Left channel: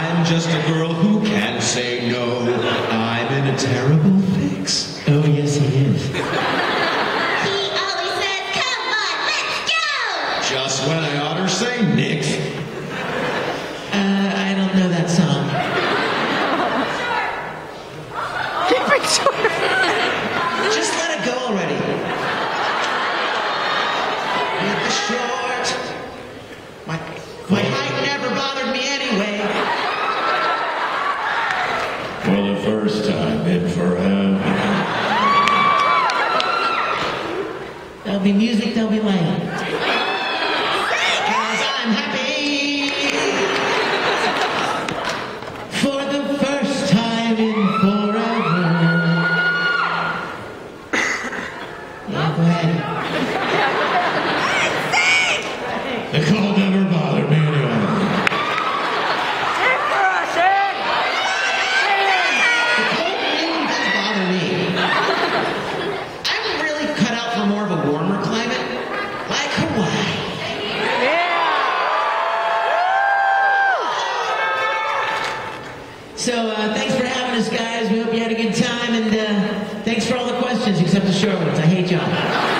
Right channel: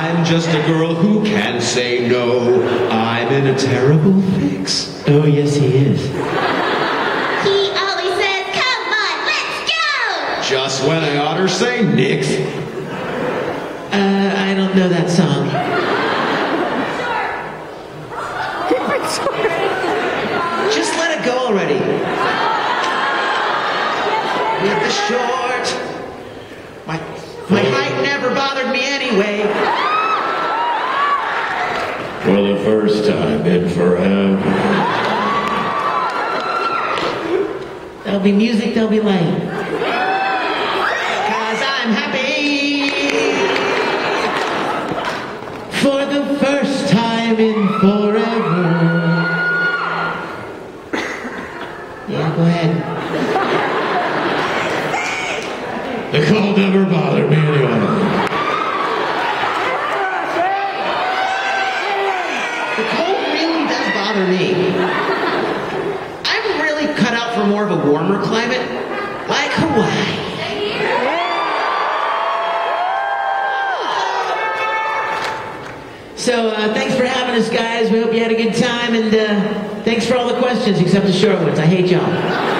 I'm just a girl who can say no. I'm in a terrible fix. Oh, yes, he is. He always says, come on, let's go! Just when I ought to say nix. I don't know that song. Just let it go already. With the short. My height never bothered me anyway. For the first time in forever. There'll be music, there'll be light. 'Cause I'm happy. For the first time in forever. Yeah, go ahead. The cold never bothered me anyway. The cold really does bother me. I'm really cut out for more of a warmer climate, like Hawaii. So thanks for having us, guys. We hope you had a good time, and thanks for all the questions, except the short ones. I hate y'all.